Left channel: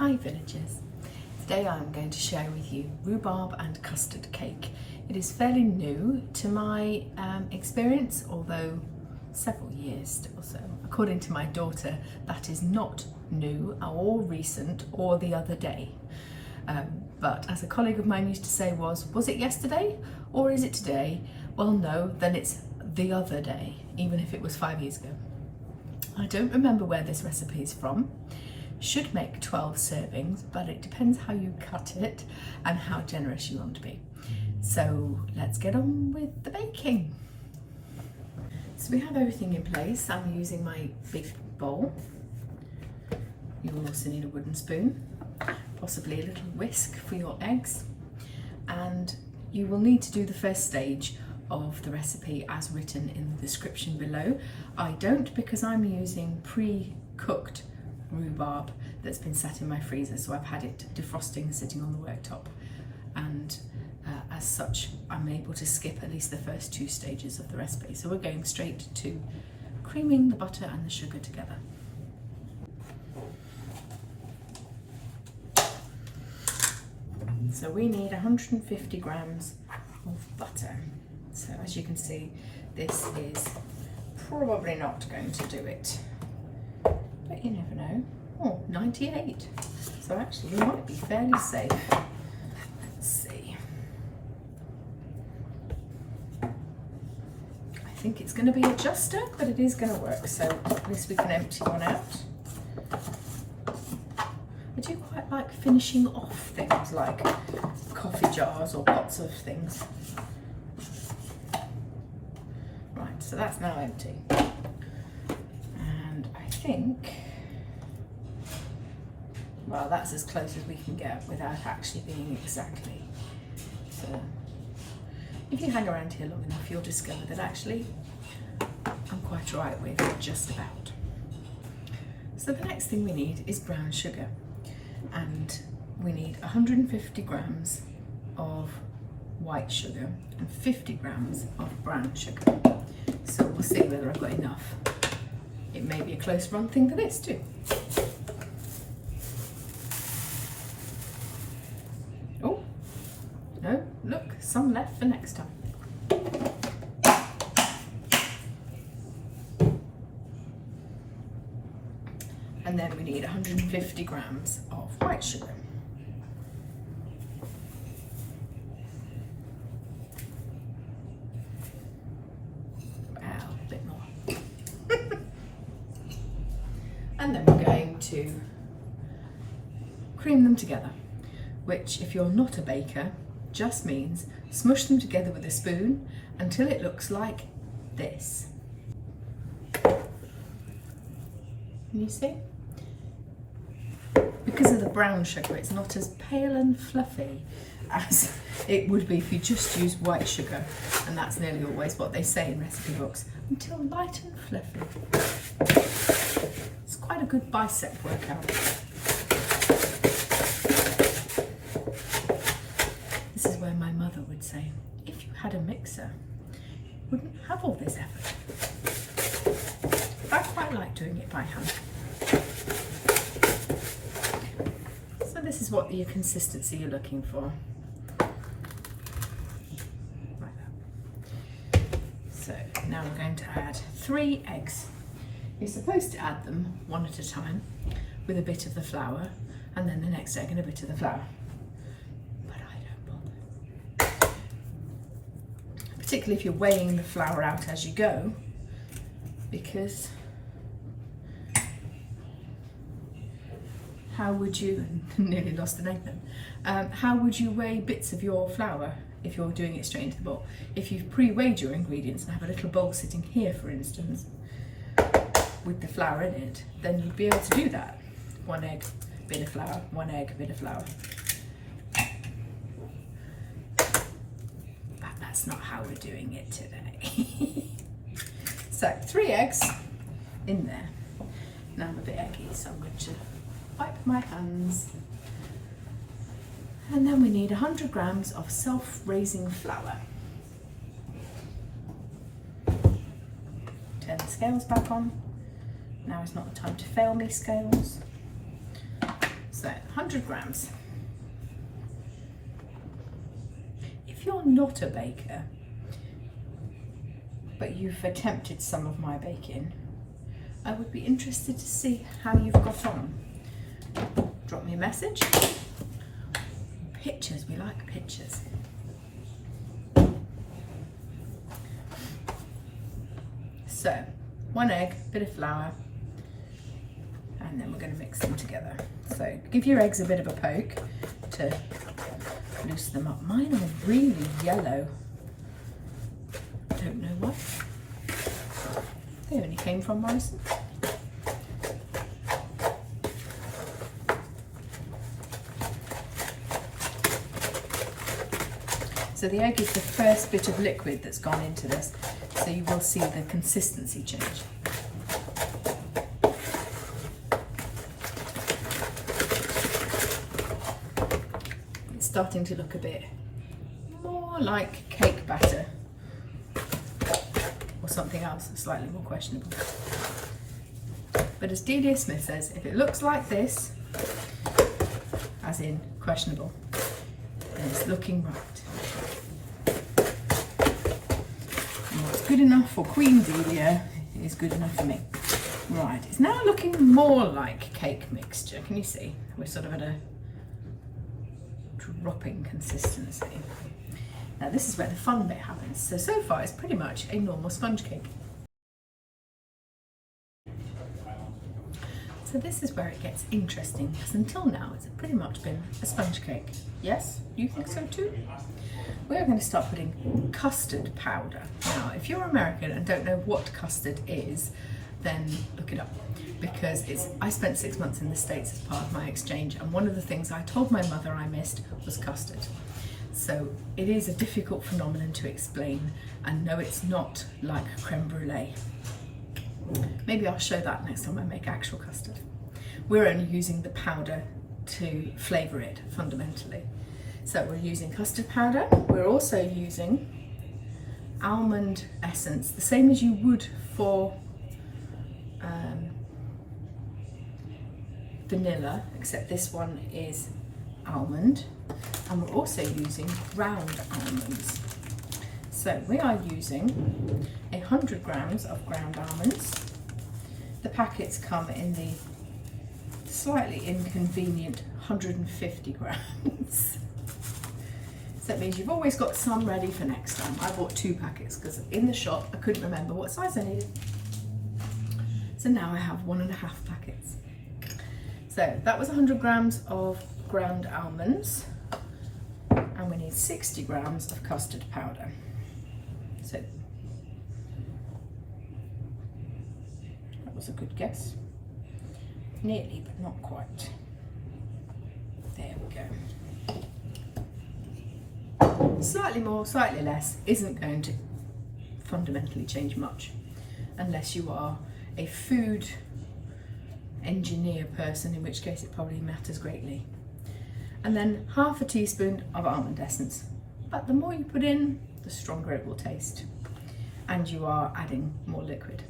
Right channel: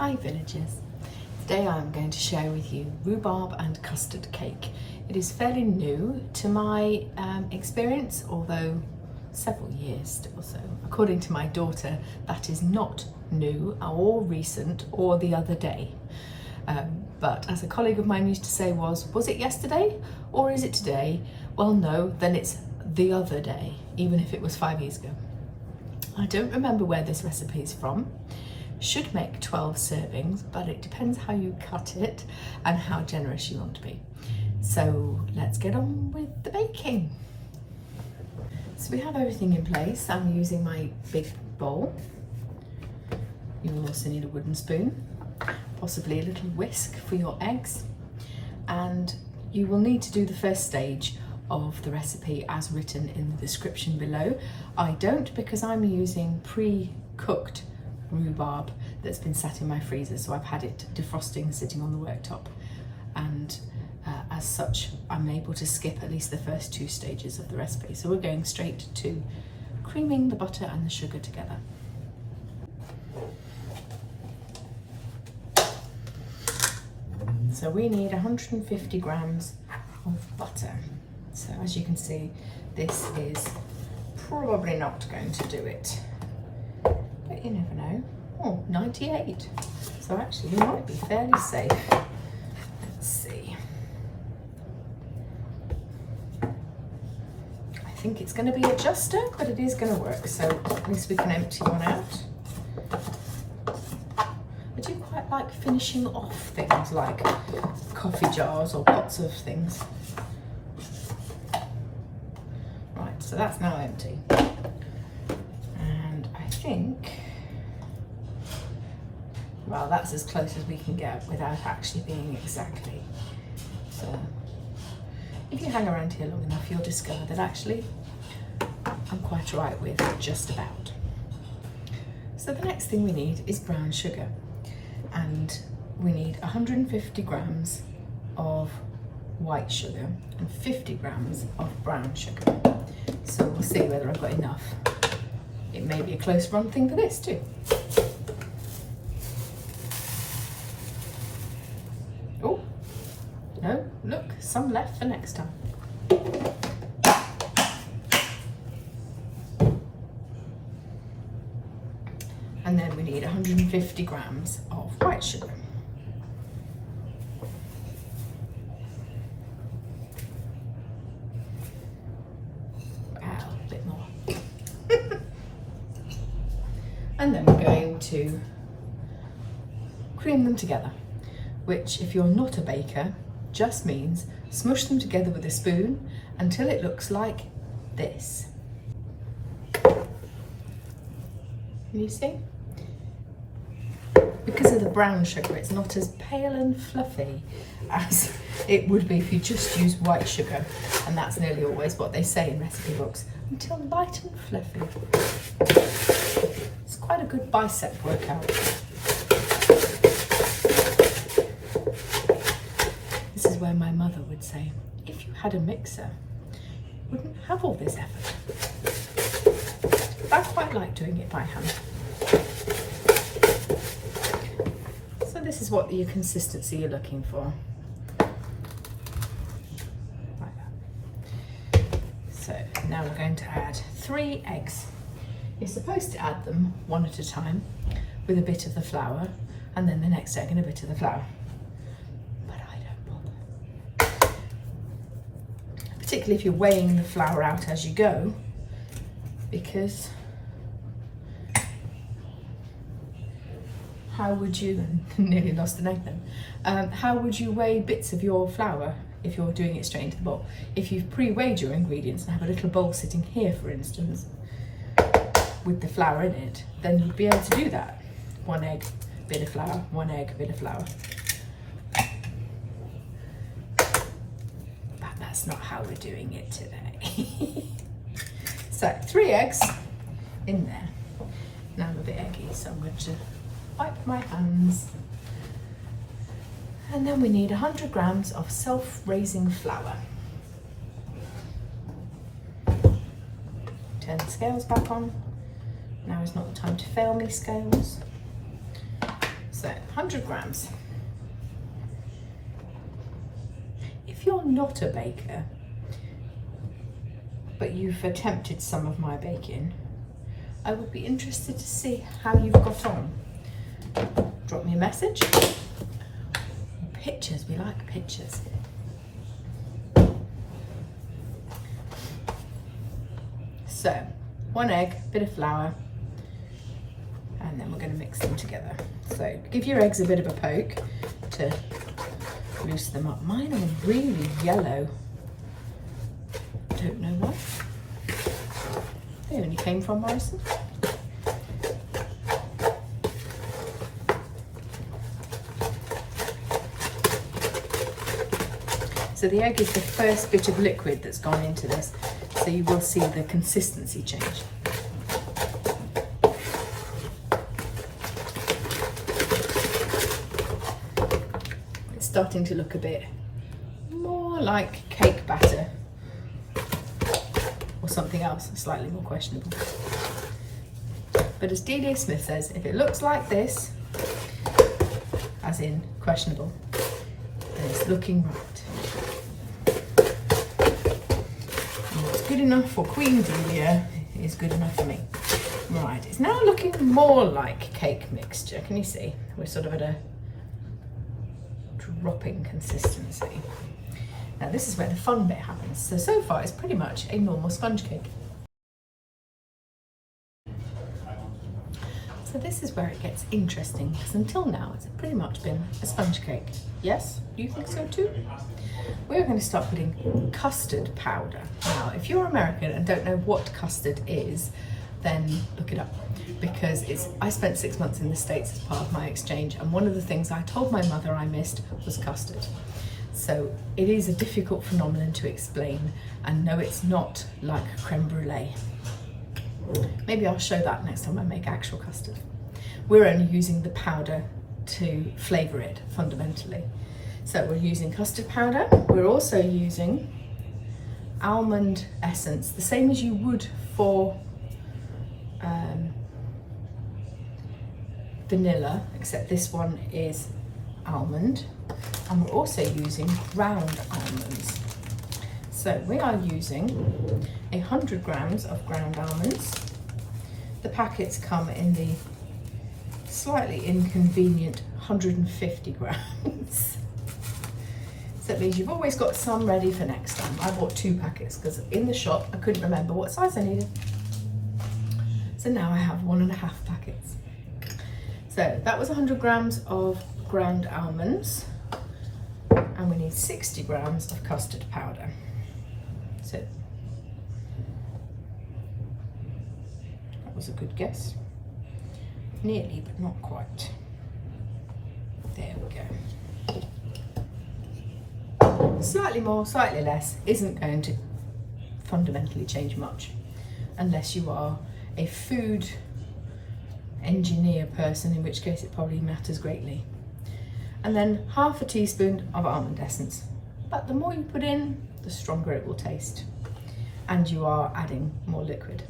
Hi villagers! Today I'm going to share with you rhubarb and custard cake. It is fairly new to my experience, although several years still so. According to my daughter, that is not new or recent or the other day. But as a colleague of mine used to say was it yesterday or is it today? Well no, then it's the other day, even if it was 5 years ago. I don't remember where this recipe is from. Should make 12 servings, but it depends how you cut it and how generous you want to be. So let's get on with the baking. So we have everything in place. I'm using my big bowl. You will also need a wooden spoon, possibly a little whisk for your eggs. And you will need to do the first stage of the recipe as written in the description below. I don't, because I'm using pre-cooked rhubarb that's been sat in my freezer, so I've had it defrosting sitting on the worktop, and as such I'm able to skip at least the first 2 stages of the recipe. So we're going straight to creaming the butter and the sugar together. So we need 150 grams of butter. So as you can see, this is probably not going to do it, but you never know. Oh, 98. So actually you might be fairly safe. Let's see. I think it's going to be a juster, but it is going to work. So at least we can empty one out. I do quite like finishing off things like coffee jars or pots of things. Right, so that's now empty. And I think, well, that's as close as we can get without actually being exactly. So if you hang around here long enough, you'll discover that actually I'm quite right with just about. So the next thing we need is brown sugar, and we need 150 grams of white sugar and 50 grams of brown sugar. So we'll see whether I've got enough. It may be a close run thing for this too. Oh, no, look, some left for next time. And then we need 150 grams of white sugar. A bit more. And then we're going to cream them together, which, if you're not a baker, just means smush them together with a spoon until it looks like this. Can you see? Because of the brown sugar, it's not as pale and fluffy as it would be if you just use white sugar, and that's nearly always what they say in recipe books, until light and fluffy. It's quite a good bicep workout. This is where my mother would say, if you had a mixer, you wouldn't have all this effort. I quite like doing it by hand. So this is what your consistency you're looking for. Like that. So now we're going to add 3 eggs. You're supposed to add them one at a time with a bit of the flour, and then the next egg and a bit of the flour. Particularly if you're weighing the flour out as you go, because how would you, nearly lost an egg then, how would you weigh bits of your flour if you're doing it straight into the bowl? If you've pre-weighed your ingredients and have a little bowl sitting here, for instance, with the flour in it, then you'd be able to do that. 1 egg, bit of flour, 1 egg, bit of flour. That's not how we're doing it today. So 3 eggs in there. Now I'm a bit eggy, so I'm going to wipe my hands. And then we need 100 grams of self-raising flour. Turn the scales back on. Now is not the time to fail me, scales. So 100 grams. If you're not a baker, but you've attempted some of my baking, I would be interested to see how you've got on. Drop me a message. Pictures, we like pictures. So, 1 egg, bit of flour, and then we're going to mix them together. So give your eggs a bit of a poke to loosen them up. Mine are really yellow. Don't know why. They only came from Morrison. So the egg is the first bit of liquid that's gone into this, so you will see the consistency change. It's starting to look a bit more like cake batter or something else, slightly more questionable. But as D.D. Smith says, if it looks like this, as in questionable, then it's looking right. Good enough for Queen Delia is good enough for me. Right, it's now looking more like cake mixture. Can you see? We're sort of at a dropping consistency. Now this is where the fun bit happens. So far it's pretty much a normal sponge cake. So this is where it gets interesting, because until now it's pretty much been a sponge cake. Yes, you think so too? We're going to start putting custard powder. Now, if you're American and don't know what custard is, then look it up, because I spent 6 months in the States as part of my exchange, and one of the things I told my mother I missed was custard. So it is a difficult phenomenon to explain, and no, it's not like creme brulee. Maybe I'll show that next time I make actual custard. We're only using the powder to flavour it fundamentally. So we're using custard powder. We're also using almond essence, the same as you would for vanilla, except this one is almond. And we're also using ground almonds. So we are using 100 grams of ground almonds. The packets come in the slightly inconvenient 150 grams. So that means you've always got some ready for next time. I bought 2 packets because in the shop I couldn't remember what size I needed. So now I have 1.5 packets. So that was 100 grams of ground almonds, and we need 60 grams of custard powder. So that was a good guess. Nearly, but not quite. There we go. Slightly more, slightly less isn't going to fundamentally change much, unless you are a food engineer person, in which case it probably matters greatly. And then half a teaspoon of almond essence. But the more you put in, the stronger it will taste. And you are adding more liquid.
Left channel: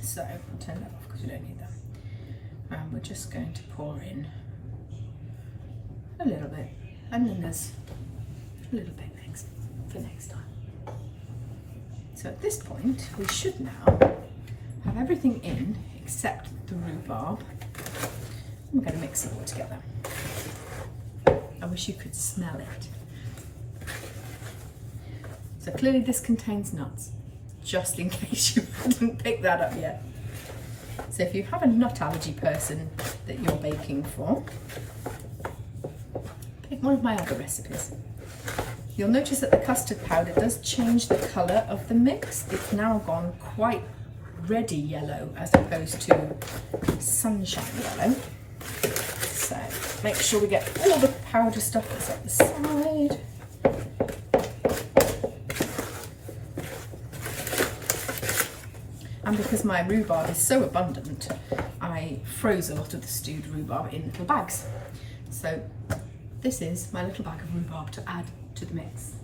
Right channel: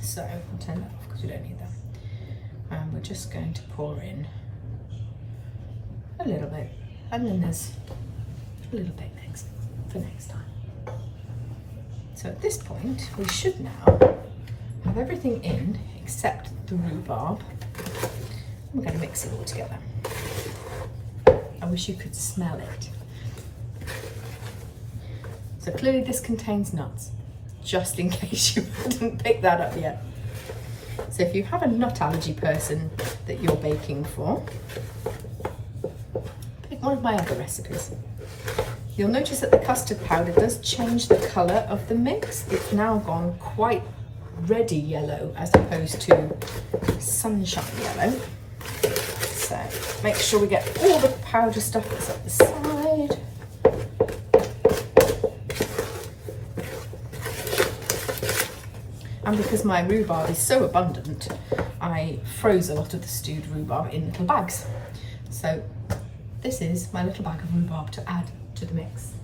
So I'll turn that off because we don't need that. And we're just going to pour in a little bit. And then there's a little bit for next time. So at this point, we should now have everything in except the rhubarb. We're going to mix it all together. I wish you could smell it. So clearly this contains nuts, just in case you hadn't picked that up yet. So if you have a nut allergy person that you're baking for, pick one of my other recipes. You'll notice that the custard powder does change the colour of the mix. It's now gone quite reddy yellow as opposed to sunshine yellow. So make sure we get all the powder stuff that's up the side. And because my rhubarb is so abundant, I froze a lot of the stewed rhubarb in little bags. So this is my little bag of rhubarb to add to the mix.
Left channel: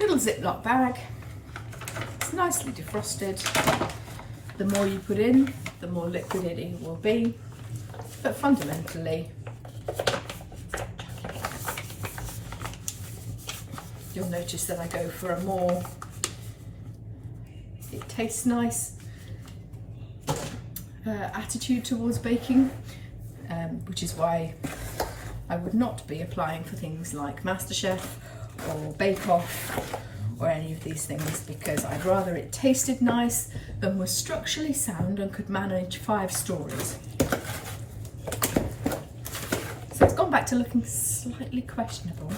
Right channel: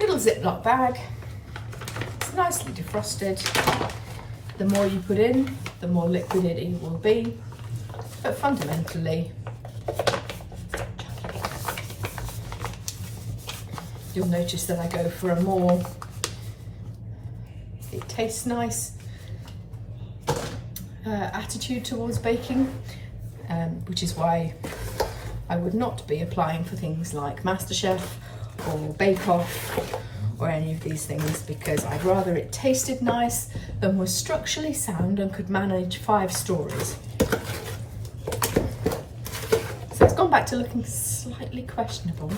Little Ziploc bag. It's nicely defrosted. The more you put in, the more liquid it will be. But fundamentally, you'll notice that I go for a more, it tastes nice attitude towards baking, which is why I would not be applying for things like MasterChef or Bake Off or any of these things, because I'd rather it tasted nice than was structurally sound and could manage 5 stories. So it's gone back to looking slightly questionable.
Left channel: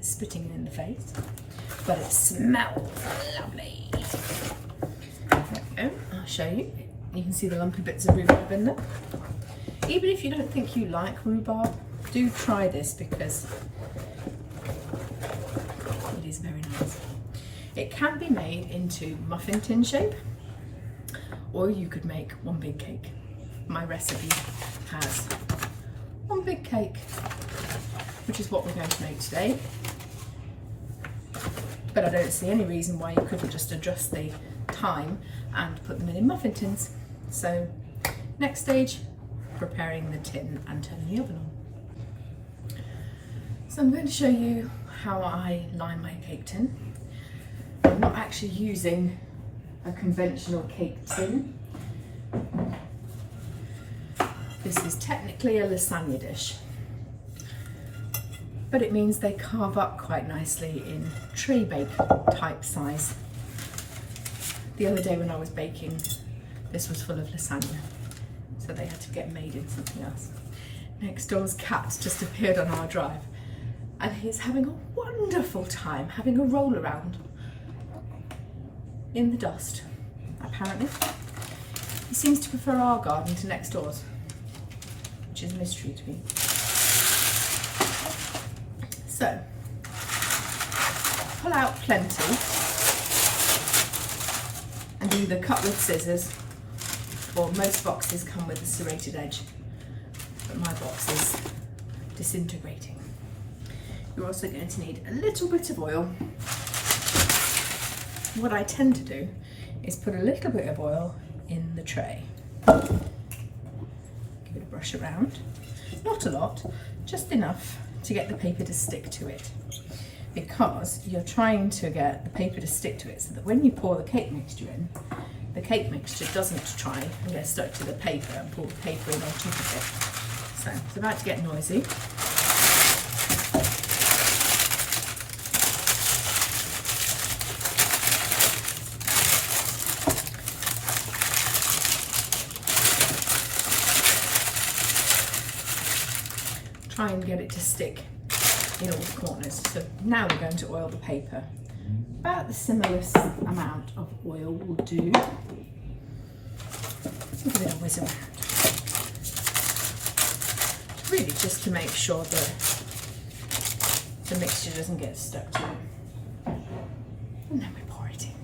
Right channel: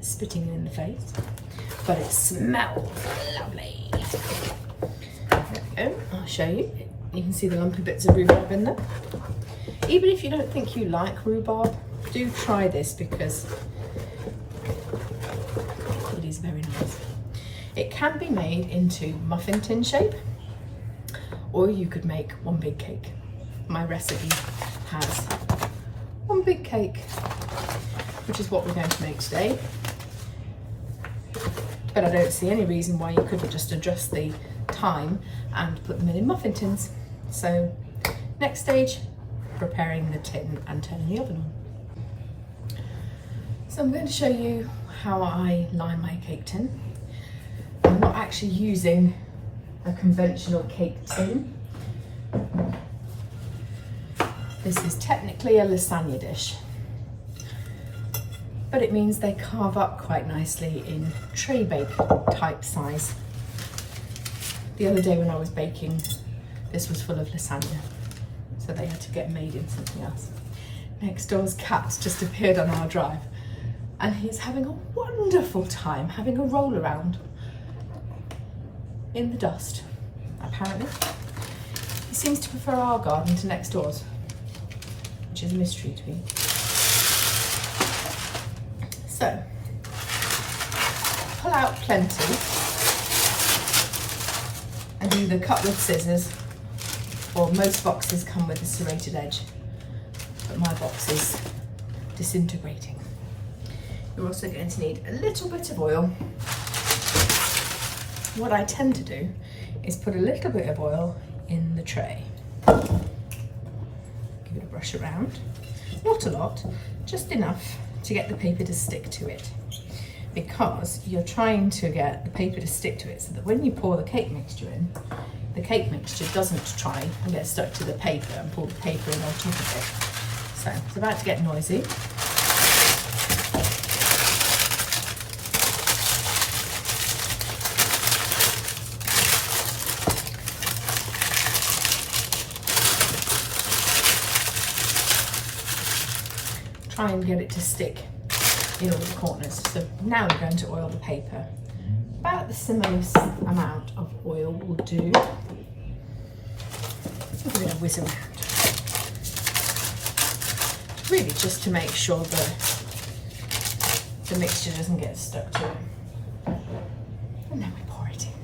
Spitting it in the face, but it smells lovely. There we go. I'll show you. You can see the lumpy bits of rhubarb in there. Even if you don't think you like rhubarb, do try this because it is very nice. It can be made into muffin tin shape, or you could make one big cake. My recipe has one big cake, which is what we're going to make today. But I don't see any reason why you couldn't just adjust the time and put them in muffin tins. So next stage, preparing the tin and turning the oven on. So I'm going to show you how I line my cake tin. I'm not actually using a conventional cake tin. This is technically a lasagna dish, but it means they carve up quite nicely in tray bake type size. The other day when I was baking, this was full of lasagna, so they had to get made in something else. Next door's cat just appeared on our drive, and he's having a wonderful time having a roll around in the dust, apparently. He seems to prefer our garden to next door's, which is a mystery to me. So, pull out plenty and either cut with scissors, or most boxes come with a serrated edge, but my box is disintegrating. You're also going to need a little bit of oil. What I tend to do is put a little bit of oil in the tray. Give it a brush around, not a lot, just enough to get the paper to stick to it, because you're trying to get the paper to stick to it so that when you pour the cake mixture in, the cake mixture doesn't try and get stuck to the paper and pull the paper in on top of it. So it's about to get noisy. Try and get it to stick in all the corners. So now we're going to oil the paper. About the similest amount of oil will do. Give it a whiz around. Really just to make sure that the mixture doesn't get stuck to it. And then we pour it in.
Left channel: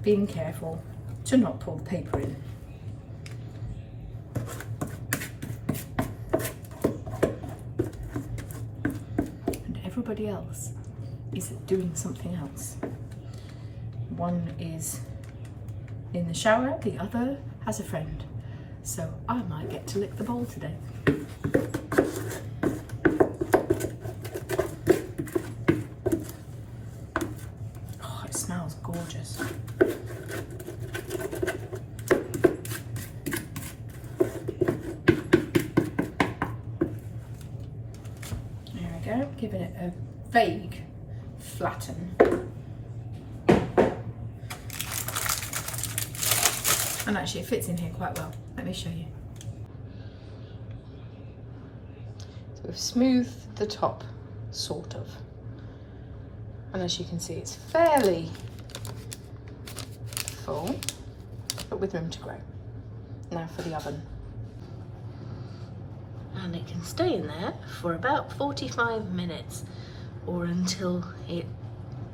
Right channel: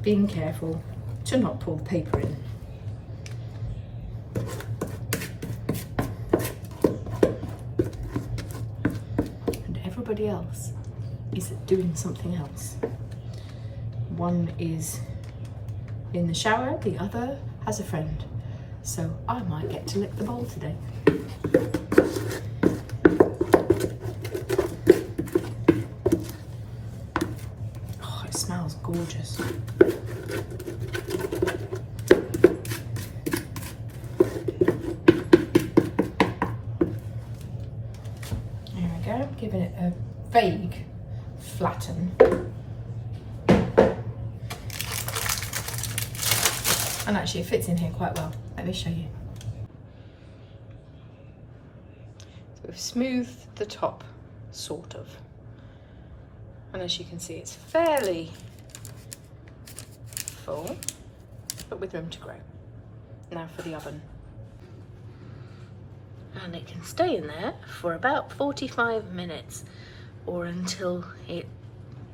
Being careful to not pull the paper in. Everybody else is doing something else. One is in the shower, the other has a friend. So I might get to lick the bowl today. Oh, it smells gorgeous. Giving it a vague flatten. And actually it fits in here quite well. Let me show you. So we've smoothed the top, sort of. And as you can see, it's fairly full, but with room to grow. Now for the oven. And it can stay in there for about 45 minutes or until it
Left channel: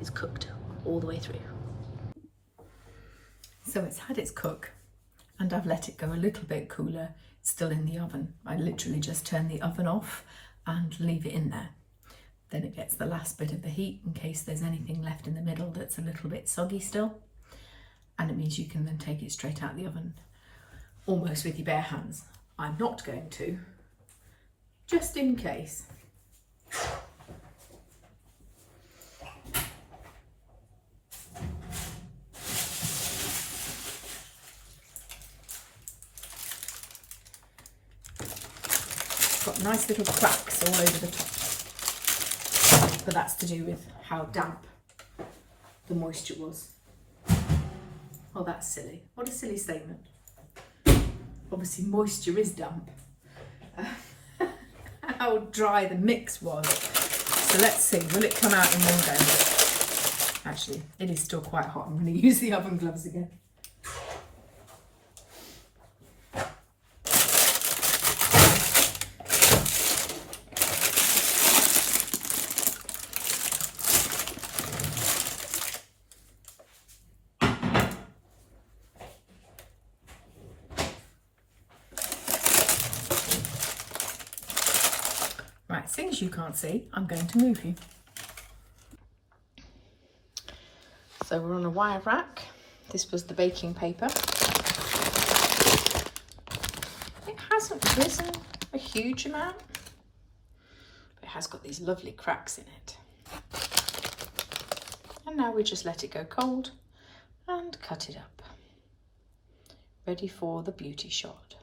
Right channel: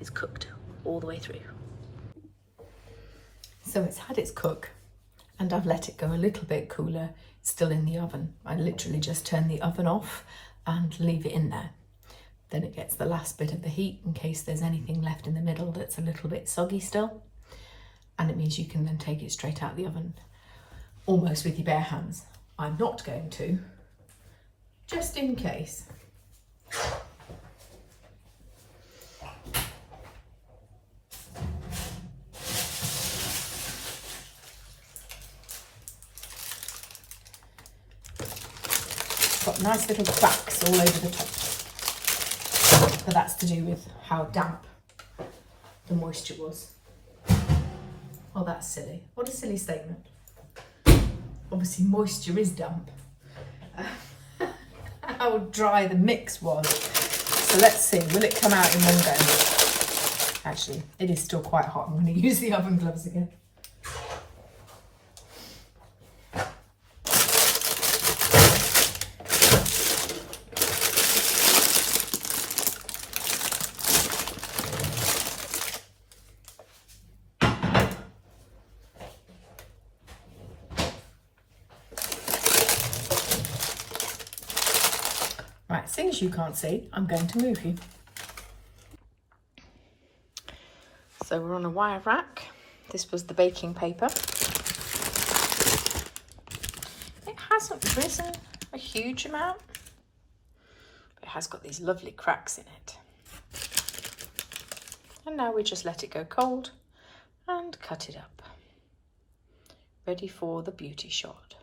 is cooked all the way through. So it's had its cook and I've let it go a little bit cooler, still in the oven. I literally just turn the oven off and leave it in there. Then it gets the last bit of the heat in case there's anything left in the middle that's a little bit soggy still. and it means you can then take it straight out of the oven almost with your bare hands. I'm not going to, just in case. Got nice little cracks all over the top, but that's to do with how damp the moisture was. Oh, that's silly. What a silly statement. Obviously moisture is damp. How dry the mix was. So let's see, will it come out in one go? Actually, it is still quite hot. I'm going to use the oven gloves again. Right, seeing as you can't see, I'm going to move you. So we're on a wire rack. This was the baking paper. It hasn't risen a huge amount, but it has got these lovely cracks in it. And now we just let it go cold and cut it up. Ready for the beauty shot.